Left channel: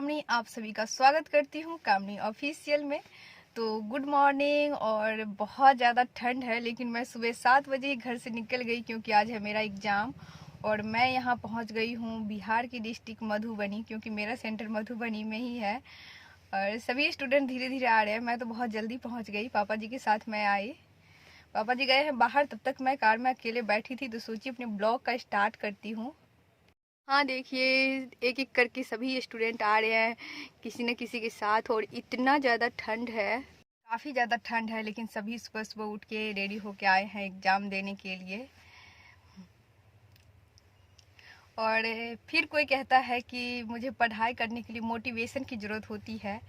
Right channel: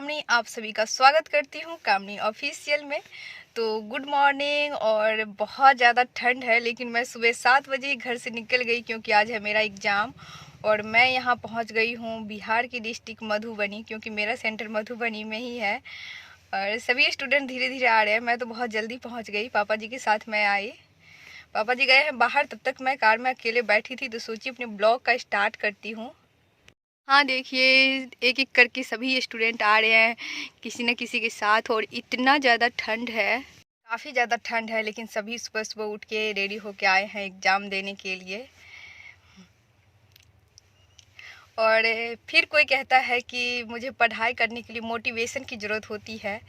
कामनी, आप सभी का स्वागत करती हूँ कामनी ऑफिशियल में। तो गुड मॉर्निंग। और बहुत ज़्यादा ठंड है, लेकिन मैं सुबह 7 बजे ही घर से निकल गई क्योंकि आज है मेरा एग्ज़ाम। और मैं यहाँ पहुँच गई हूँ बिहार की डिस्ट्रिक्ट मधुबनी, क्योंकि मेरा सेंटर मधुबनी में ही है। और सभी स्टूडेंट धीरे धीरे आ रहे हैं, मैं तो बहुत जल्दी पहुँच गई। पापा जी के साथ मैं आई। पापा जी गए हैं बाहर, तब तक मैं कार में अकेले बैठी थी, तो सोची अपने ब्लॉग का स्टार्ट करती हूँ। हाँ देखिए, एक एक करके सभी स्टूडेंट आ रहे हैं किसी न किसी के साथ। और इतना ज़्यादा ठंड है, काफ़ी ज़्यादा ठंड है, लेकिन सभी सुबह सुबह उठ के रेडी होके आए हैं एग्ज़ाम देने के लिए। और फिर कोई कहता है कि मुझे पढ़ाई करने के लिए मोटिवेशन की ज़रूरत होती है।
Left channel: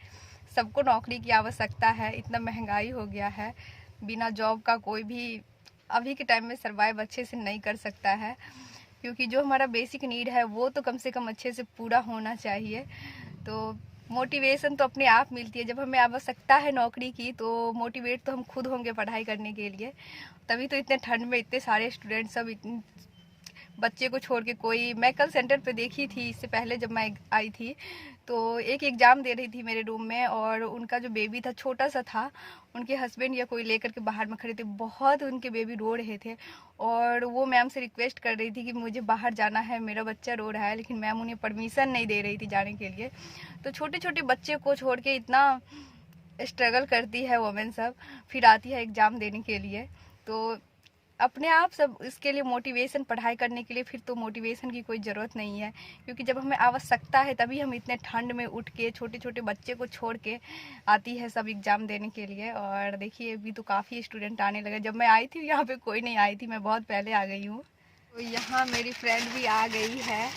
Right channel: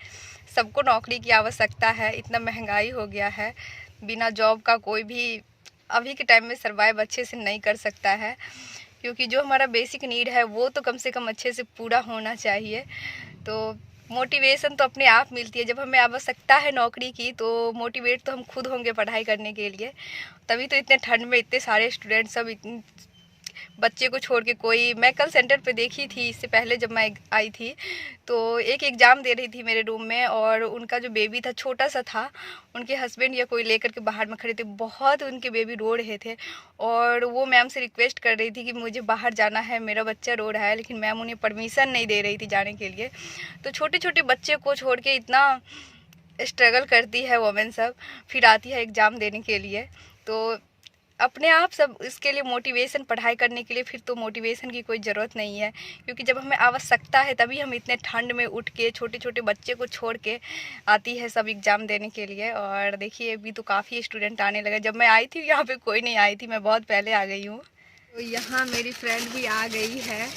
सबको नौकरी की आवश्यकता है, इतना महंगाई हो गया है, बिना जॉब का कोई भी अभी के टाइम में सर्वाइव अच्छे से नहीं कर सकता है। क्योंकि जो हमारा बेसिक नीड है वो तो कम से कम अच्छे से पूरा होना चाहिए। तो मोटिवेशन तो अपने आप मिलती है, जब हमें आवश्यकता है नौकरी की तो मोटिवेट तो हम खुद होंगे पढ़ाई करने के लिए। तभी तो इतने ठंड में इतने सारे स्टूडेंट सब इतने बच्चे को छोड़ के कोई, मैं कल सेंटर पे देखी थी, इससे पहले जब मैं आई थी तो एक एग्ज़ाम दे रही थी मेरे रूम में, और उनका जो बेबी था छोटा सा था, उनके हस्बैंड या कोई लेकर के बाहर में खड़े थे। बहुत उनके बेबी रो रहे थे और वो मैम से रिक्वेस्ट कर रही थी कि मुझे बाहर जाना है, मेरा बच्चा रो रहा है, लेकिन मैम उन्हें परमिशन नहीं दे रही थी जाने के लिए। तो छोटे छोटे बच्चे को छोड़ के इतना स्ट्रगल करती है वोमेन सब, फिर आती है एग्ज़ाम देने के लिए। तो अपने आप सब इसके लिए मोटिवेशन, पढ़ाई करने के लिए फिर तो मोटिवेशन की कोई ज़रूरत नहीं है, क्योंकि जब हमें आवश्यकता है तभी हम इतने ठंड में उठ के छोटे छोटे बच्चे को छोड़ के आती है सब एग्ज़ाम देने के लिए। और देखिए अभी तो काफ़ी स्टूडेंट आने लगे, जब मैं आई थी यहाँ पे कोई नहीं आई थी, मैं बहुत पहले आ गई हूँ। तो यहाँ मेरी फ्रेंड भी आ गई है,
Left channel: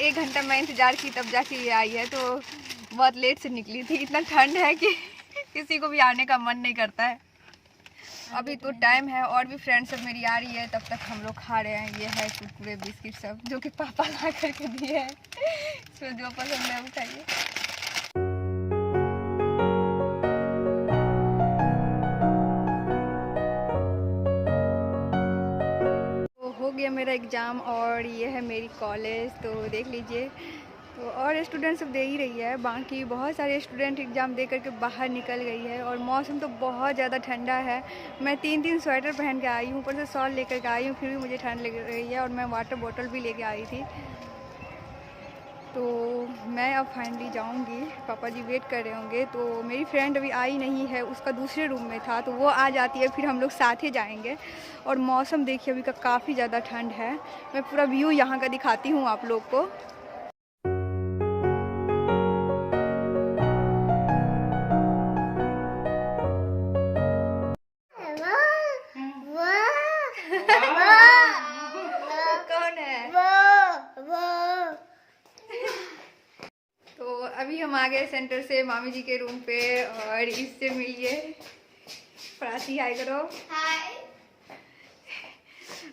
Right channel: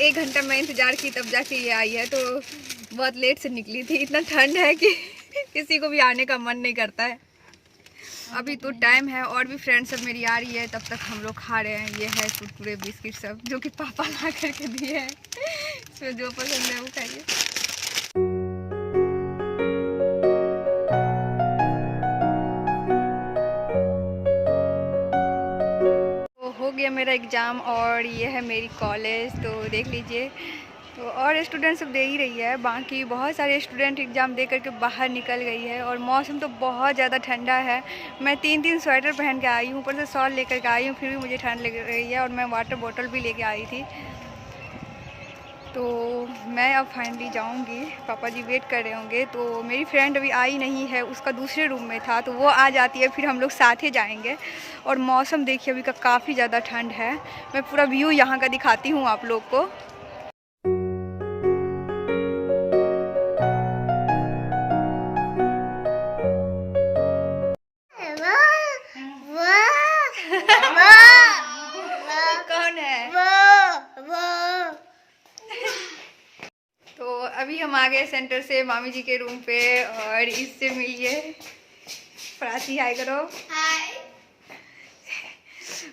1 घंटा मैं इंतज़ार की तब जाके ये आई है। तो बहुत लेट से निकली थी, इतना ठंड है कि किसी को भी आने का मन नहीं करता है। अभी तो टाइम है, और भी फ्रेंड सब मेरी आ रही है, तब तक हम लोग खा रहे हैं। ये है कुरकुरे बिस्किट सब, जो कि पापा ला करके दिए हैं। इसमें जो पसंद है वो खाइए। तो हो गया मेरा एग्ज़ाम, और ये है मेरी कॉलेज, तो देख लीजिए। तो और स्टूडेंट सब दे ही रही है, बाकी बहुत सारे स्टूडेंट एग्ज़ाम दे करके बाहर निकल गई है। और मौसम तो बहुत ज़्यादा ठंडा है, मैं 3 स्वेटर पहन के आई हूँ, ऊपर से शॉल लेकर के आई हूँ, फिर भी मुझे ठंड लग रही है। और मैं वाटर बॉटल भी लेके आई थी। तो मैं अब फाइनली जाऊंगी, पापा जी वेट कर रहे होंगे। तो मेरी फ्रेंड अभी आई नहीं है, उसका दूसरे रूम में था, तो वो आ जाती है, फिर हम लोग साथ ही जाएंगे। और मौसम देखिए अभी का काफ़ी ज़्यादा ठंड है। मैं पूरा व्यू यहाँ का दिखाती हूँ आप लोग को। कौन है वो? तो अभी हम आ गए सेंटर से मामी जी के रूम पे, और इससे मिलिए। प्राची हाय करो। हाय।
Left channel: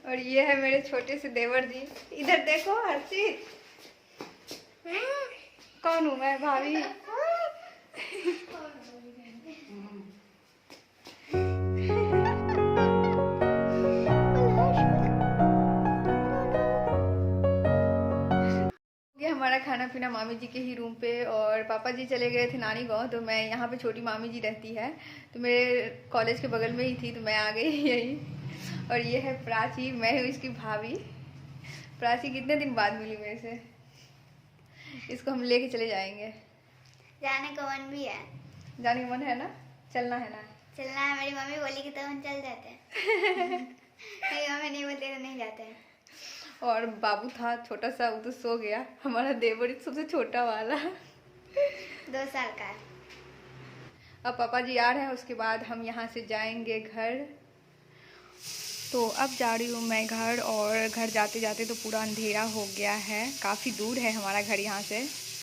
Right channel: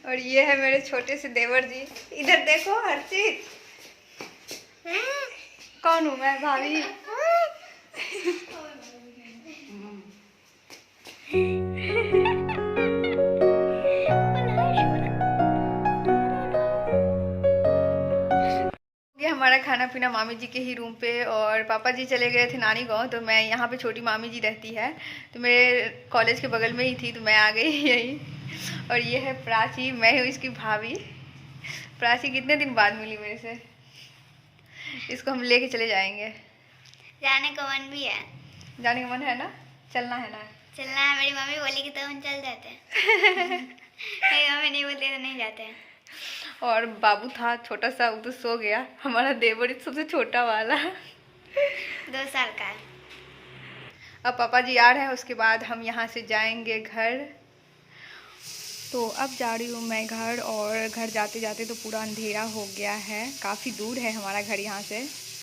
और ये है मेरे छोटे से देवर जी, इधर देखो हर्षित। कौन हूँ मैं? भाभी। ये हमारा खाना पीना मामी जी के ही रूम पे। और पापा जी चले गए थे नानी गांव, तो मैं यहाँ पे, छोटी मामी जी रहती है तो मेरे कॉलेज के बगल में ही थी, तो मैं आ गई यहीं। और ये है प्राची, मैं हूँ इसकी भाभी। प्राची कितने दिन बाद मिली मेरे से, इसको हम लेके चले जाएंगे। जाने का मन भी है। जाने का मन है ना? चलना है ना? चलना है, मेरी मम्मी बोलेगी तो हम चल जाते हैं। मेरी मम्मी नहीं बोलती तो नहीं जाते हैं। और बाबू था छोटा सा, वो तो सो गया। हमारा देवर सबसे छोटा वाला 2 साल का है। अब पापा जी आ रहे हैं, उसके बाद हम यहाँ से जाएंगे घर। तो अब जा रही हूँ मैं घर, और घर जाते जाते तो पूरा अंधेरा हो गया है, काफ़ी दूर है हमारा घर यहाँ से।